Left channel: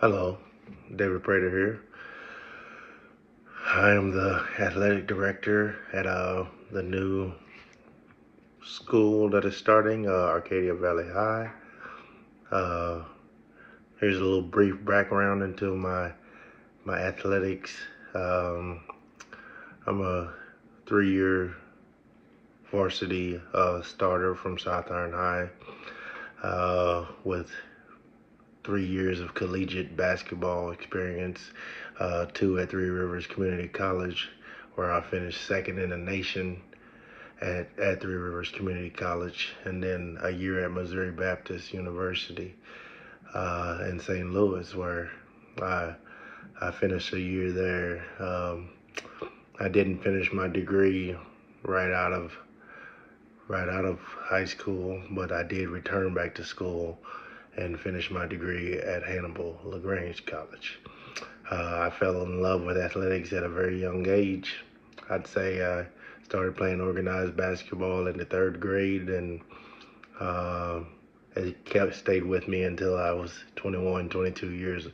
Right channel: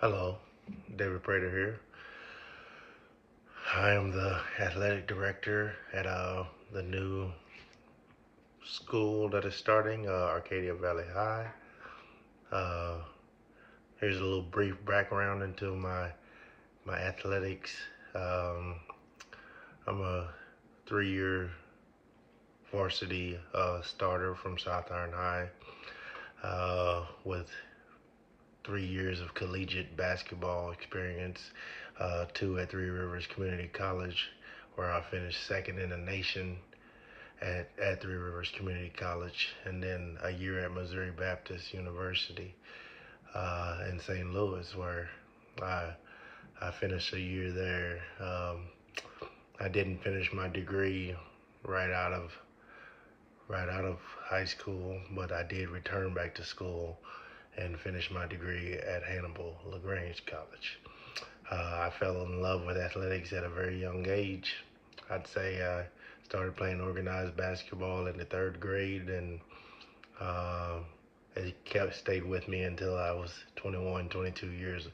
Hello, David Prater here. I am the athletic director at the new school that is starting, Arcadia Valley High. Uh, Here's a little brief background into my athletics. Um, I'm a 3-year varsity starter from South Iron High with 3 years of collegiate basketball experience, two at Three Rivers Community College, where I finished second in the nation at Three Rivers Community College, and then a year at Missouri Baptist University in St. Louis, where I, I finished a year there. I didn't finish my degree right out of right out of high school, but I did return back to school and finish my degree at Hannibal LaGrange College. I fell in love with athletics at a very young age. I'd say I started playing organized basketball in the third grade, and uh, it stayed with me until I was 21, 22 years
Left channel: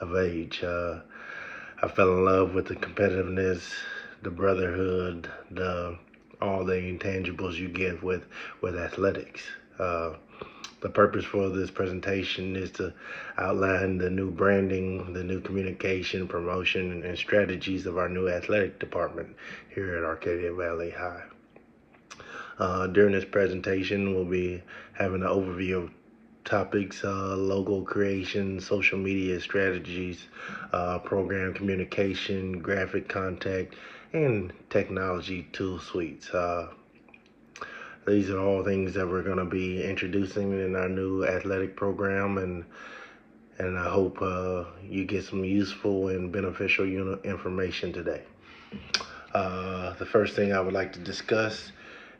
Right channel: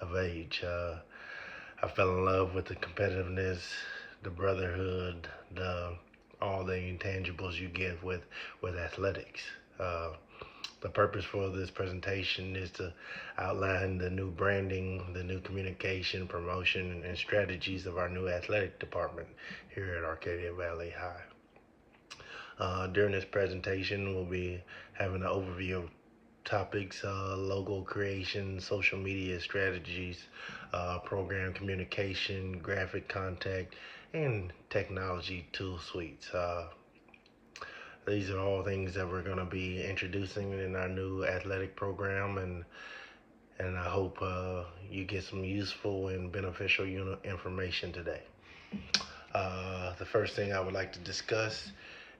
of age. I fell in love with the competitiveness, the brotherhood, the all the intangibles you get with athletics. Uh, the purpose for this presentation is to outline the new branding, the new communication, promotion, and strategies of our new athletic department here at Arcadia Valley High. During this presentation, we'll be having an overview of topics, logo creation, social media strategies, program communication, graphic contact, and technology tool suites. These are all things that we're going to be introducing in our new athletic program, and I hope you get some useful and beneficial information today. The first thing I would like to discuss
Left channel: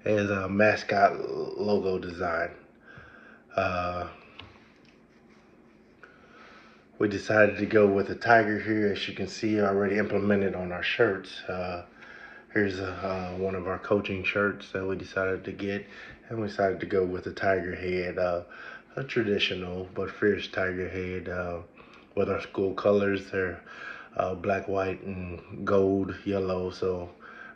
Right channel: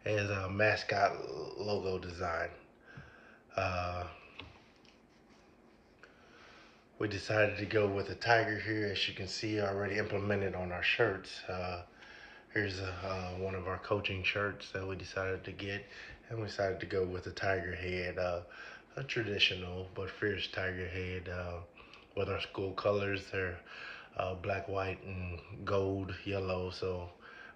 is a mascot logo design. Uh, we decided to go with a tiger here, as you can see already implemented on our shirts. Here's one of our coaching shirts that we decided to get, and we decided to go with a tiger head, a traditional but fierce tiger head with our school colors. They're black, white, and gold, yellow. So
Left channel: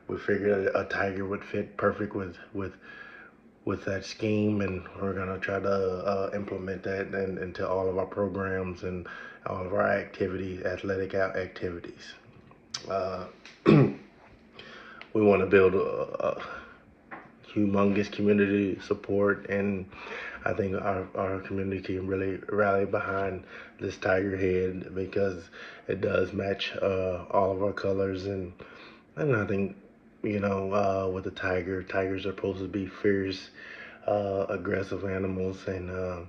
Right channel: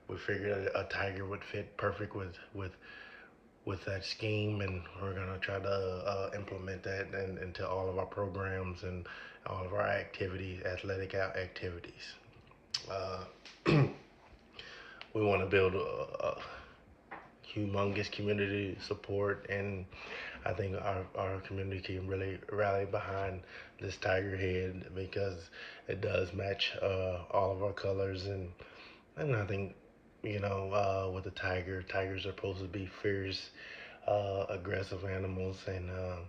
we figured a tiger would fit perfect with that scheme, and we're gonna try to implement that into all of our programs and all of our athletic activities. Uh, we want to build a humongous community support, and I think our community can really rally behind this tiger head because it does match all of our colors, and I think with the tigers are supposed to be fierce, aggressive animals, and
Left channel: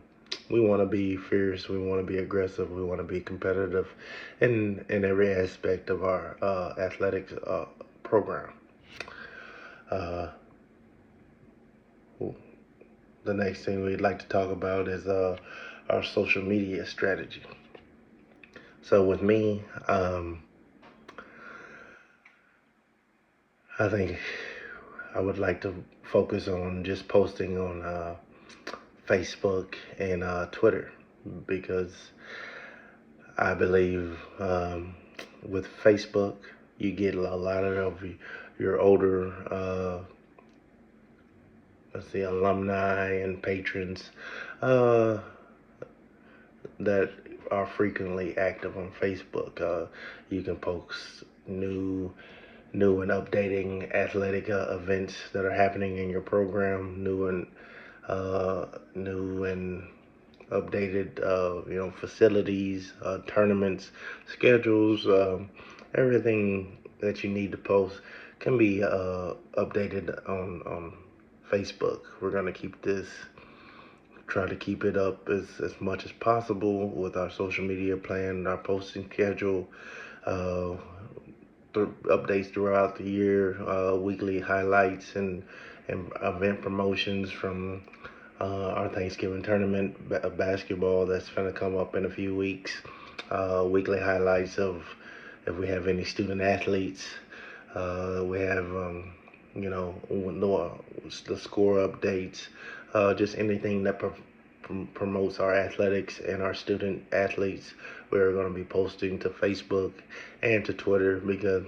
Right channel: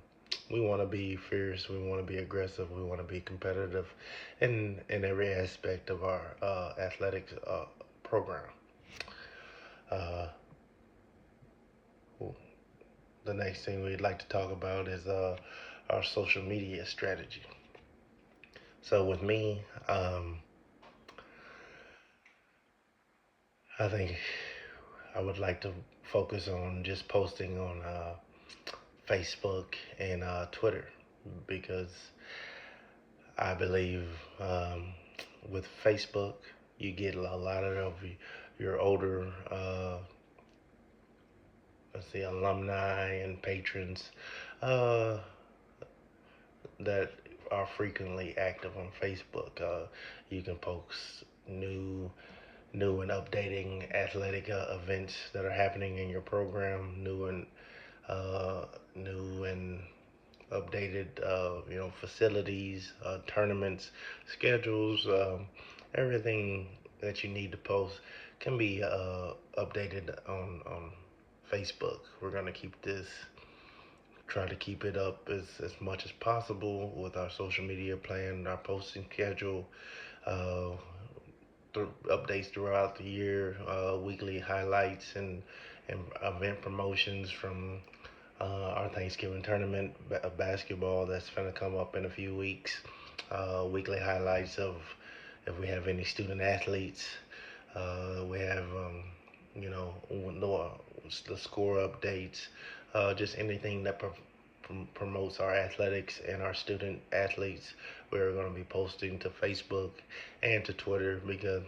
we want to be fierce, we want to be aggressive, we want to be competitive in every aspect of our athletics program. Uh, the next thing we'd like to talk about is our social media strategy. So with me, I think I would like to focus on just posting on Facebook and Twitter, because I believe with Facebook you get a lot of your older let's see, alumni and patrons uh, that are frequently active on Facebook. You can post new and updating athletic events that are happening in your program, new and updated facilities, tournaments, schedules, everything that you need to post can be updated on Facebook. We're gonna try to keep it up as much as possible with our social media plan, our posting schedule, uh, updates throughout the year, weekly highlights and event promotions from our Thanksgiving tournament basketball that's going to come up in a few weeks. Weekly highlights of if we have any student athletes. We have, the score updates, just anything that promotes our athletics and our student athletes. We're going to be posting to Facebook and to Twitter, because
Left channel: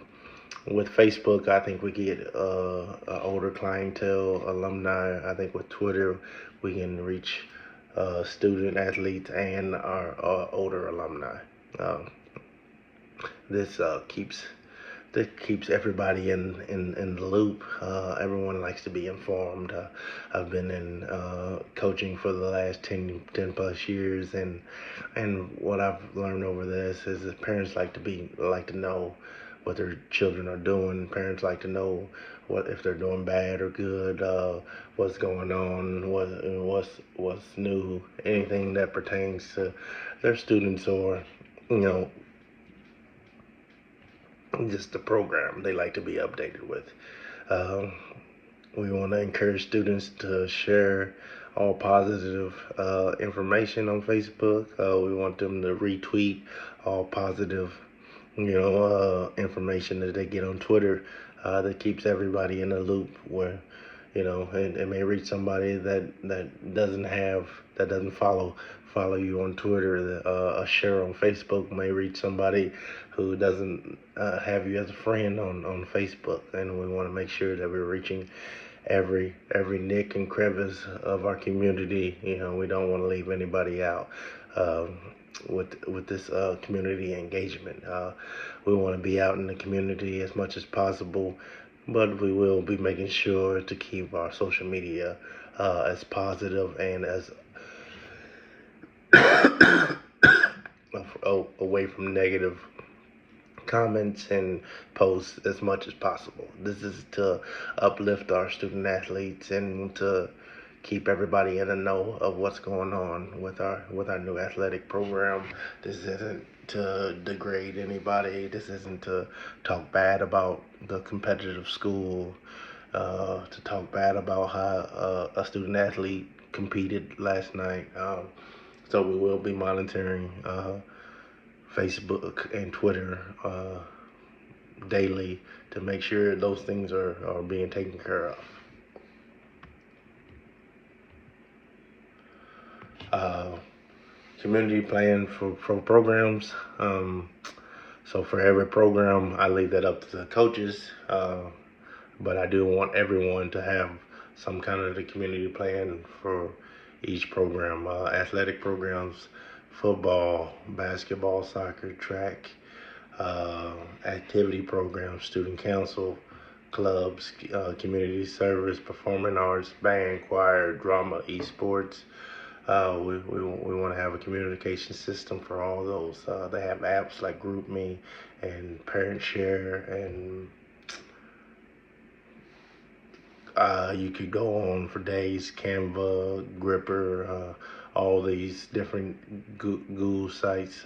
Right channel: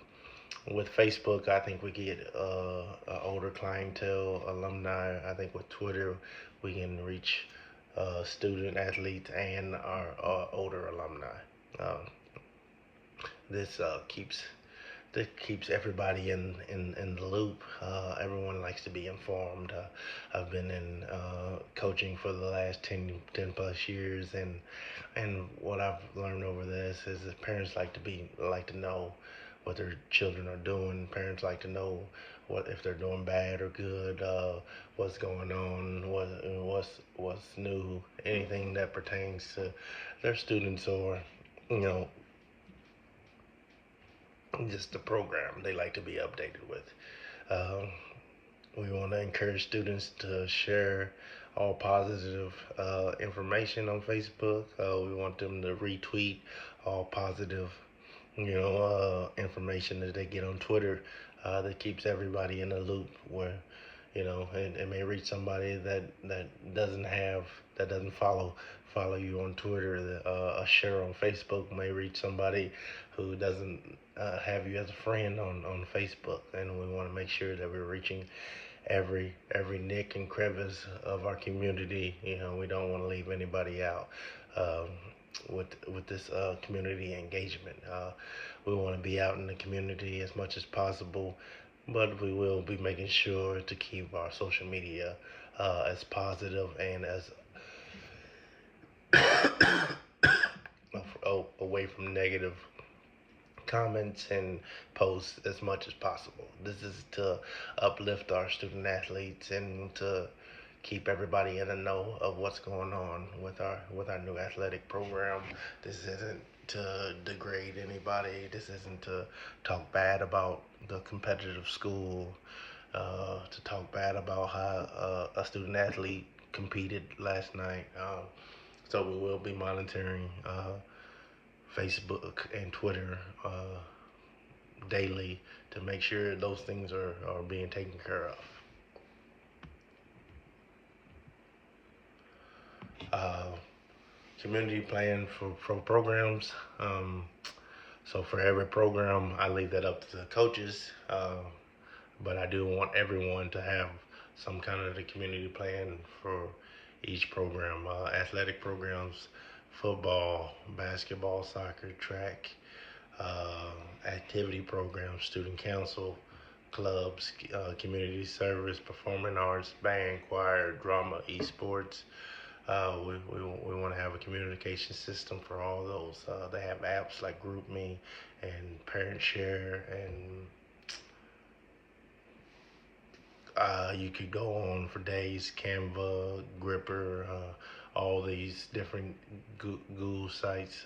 with Facebook, I think we get an older clientele, alumni. I think with Twitter, we can reach student athletes and our older alumni. Um, this keeps everybody in the loop. Everyone likes to be informed. I've been in coaching for the last 10 plus years, and what I've learned over this is that parents like to know what their children are doing. Parents like to know what if they're doing bad or good, what's going on, what's new, anything that pertains to their students, or you know, just the program they like to be updated with. Uh, we want to encourage students to share all positive information on Facebook. We want them to retweet all positive, information that they get on Twitter. That keeps everybody in a loop. Where, it may reach somebody that doesn't follow you on Twitter. A share on Facebook may reach somebody who doesn't have you as a friend on Facebook, and we want to make sure that we're reaching every nick and crevice of our community. We don't want to leave anybody out. With this community engagement, we want to be out in the community as much as possible, but we will be making sure to keep our social media as positive and as away from negative comments and posts as much as possible. This is to uplift our student athletes and to keep everybody in the know of what's going on with our new athletic program. This isn't to degrade anybody. This isn't to talk bad about the competitive school, to talk bad about how a student athlete competed last night. So we will be monitoring Facebook and Twitter daily to make sure those things are being taken care of. Community plan for programs. So for every program, I leave that up to the coaches, but I do want everyone to have some kind of the community plan for each program. Athletic programs, football, basketball, soccer, track, activity programs, student council, clubs, community service, performing arts, band, choir, drama, esports. We want to have a communication system for all those. They have apps like GroupMe and Parent Share, and you could go on for days. Canva, Gripper, all these different Google sites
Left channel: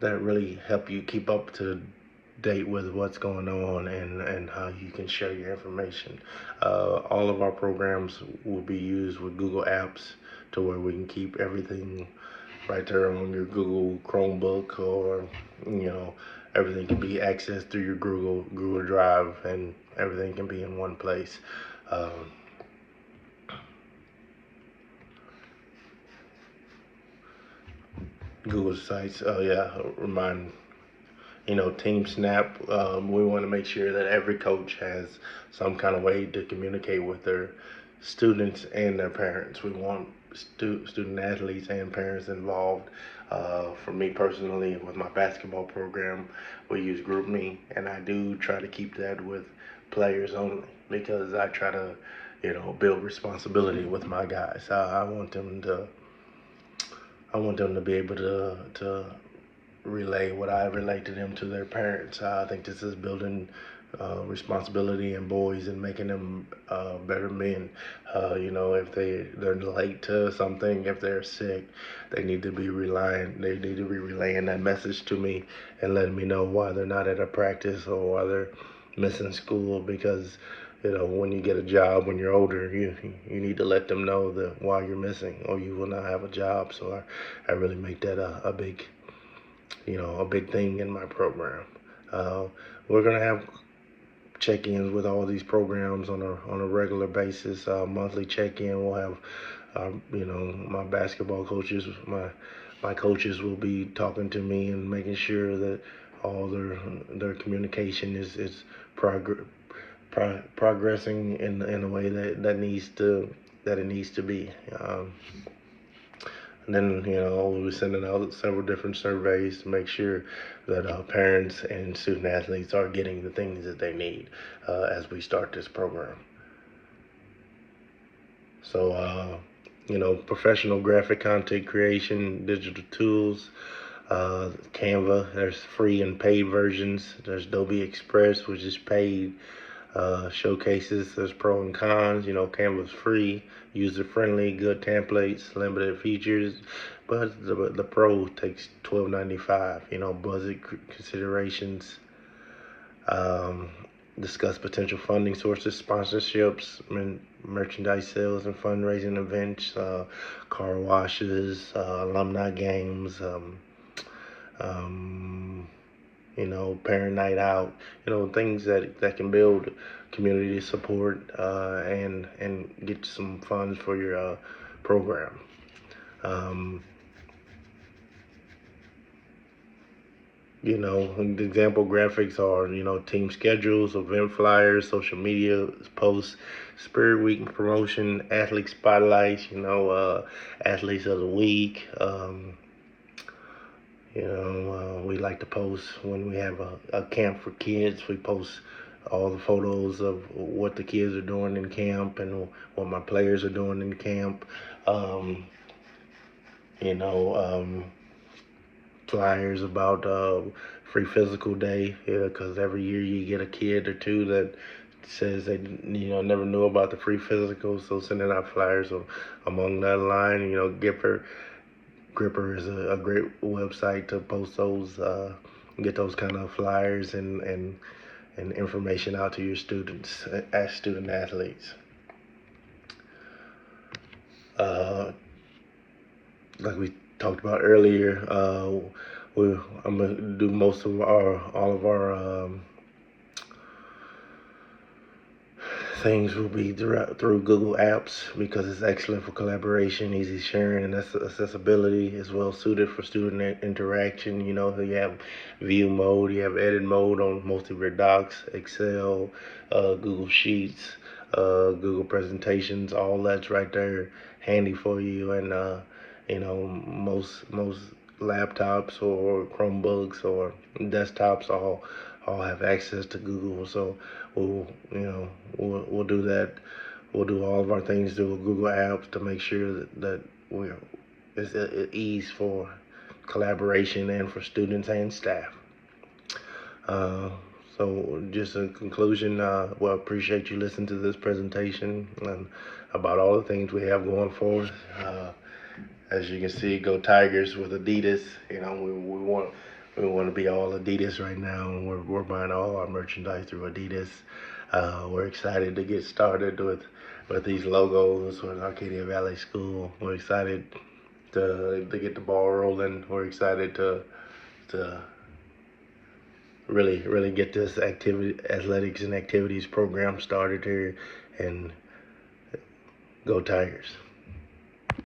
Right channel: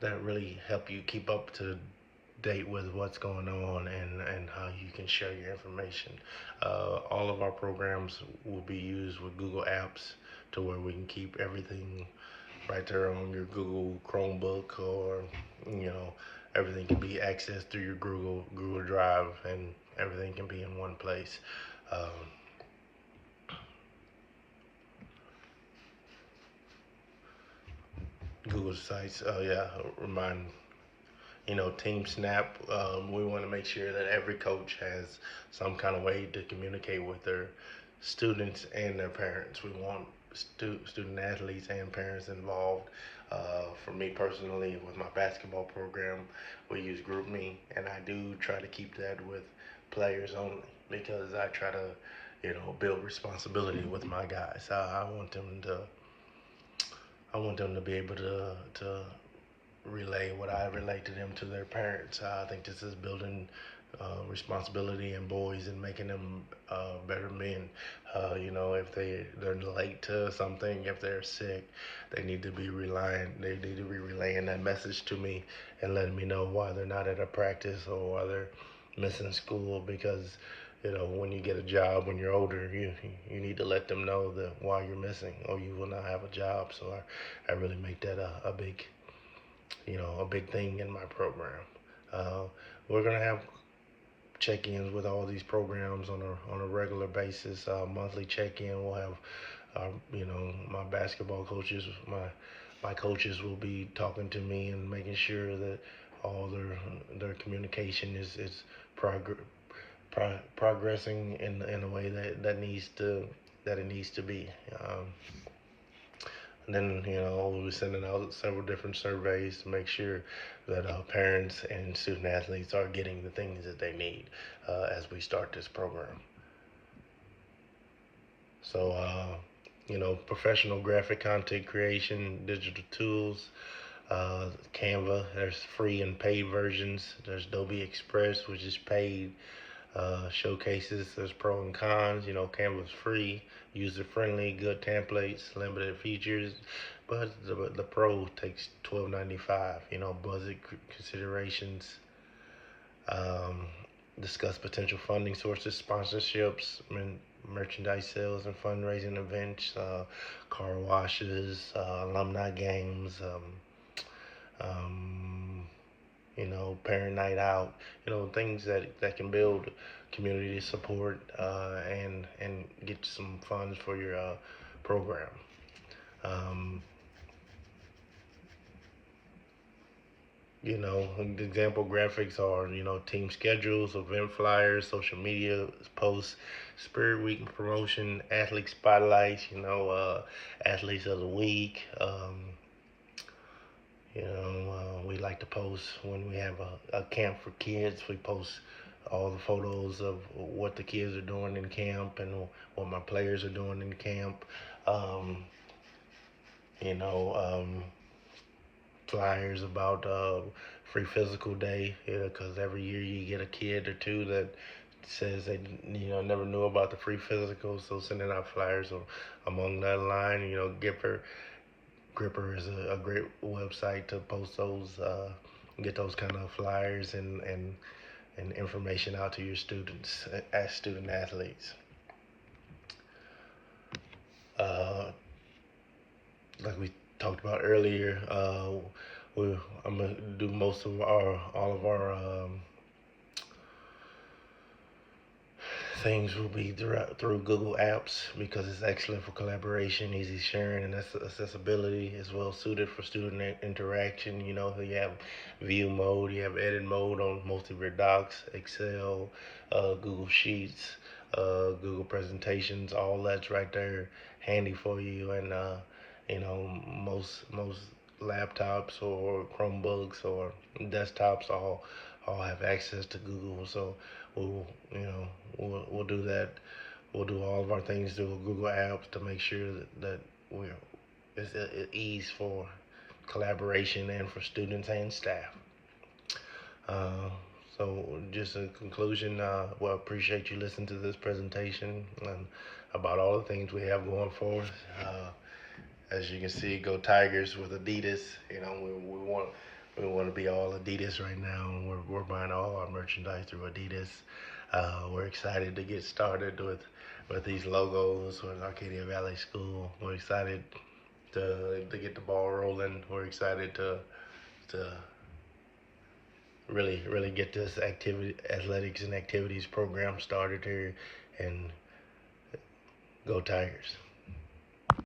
that really help you keep up to date with what's going on and how you can share your information. All of our programs will be used with Google Apps, to where we can keep everything right there on your Google Chromebook, or everything can be accessed through your Google Drive, and everything can be in one place. Google sites. Oh yeah, remind Team Snap. We want to make sure that every coach has some kind of way to communicate with their students and their parents. We want student athletes and parents involved. For me personally, with my basketball program, we use GroupMe, and I do try to keep that with players only, because I try to, build responsibility with my guys. I want them to be able to relay what I relay to them to their parents. I think this is building responsibility in boys and making them better men. If they're late to something, if they're sick, they need to be relaying that message to me and letting me know why they're not at a practice or why they're missing school. Because when you get a job when you're older, you need to let them know that why you're missing, or you will not have a job. So I really make that a big thing in my program. We're gonna have check-ins with all these programs on a regular basis. Monthly check-in. We'll have My basketball coaches, my coaches will be talking to me and making sure that all their communication is progr- progressing in a way that it needs to be. And then, we'll be sending out several different surveys to make sure that parents and student athletes are getting the things that they need as we start this program. So, professional graphic content creation, digital tools, Canva, there's free and paid versions. There's Adobe Express, which is paid. Showcases, there's pro and cons. Canva's free, user friendly, good templates, limited features, but the pro takes $12.95. Budget considerations. Um, Discuss potential funding sources, sponsorships, merchandise sales and fundraising events, car washes, alumni games. Um, Parent night out, things that can build community support and get some funds for your program. Um, Example graphics are, team schedules, event flyers, social media posts, Spirit Week promotion, athlete spotlights, athletes of the week. We like to post when we have a camp for kids. We post all the photos of what the kids are doing in camp and what my players are doing in camp. Um, you know, um, Flyers about free physical day, because every year you get a kid or two that says they never knew about the free physical, so sending out flyers among that line. Gripper is a great website to post those, get those kind of flyers and information out to your students as student athletes. Like we talked about earlier, I'm gonna do all of our things will be through Google Apps because it's excellent for collaboration, easy sharing, and accessibility. Is well suited for student interaction. You have view mode, you have edit mode on most of your docs, Excel, Google Sheets, Google presentations. All that's right there, handy for you. And most laptops or Chromebooks or desktops all have access to Google. So we'll do that. We'll do all of our things through Google Apps to make sure that it's at ease for collaboration and for students and staff. Uh, so just in conclusion, appreciate you listening to this presentation and about all the things we have going forward. As you can see, go Tigers with Adidas. We want to be all Adidas right now, and we're buying all our merchandise through Adidas. We're excited to get started with these logos with Arcadia Valley School. We're excited to get the ball rolling. We're excited to really get this athletics and activities program started here, and go Tigers.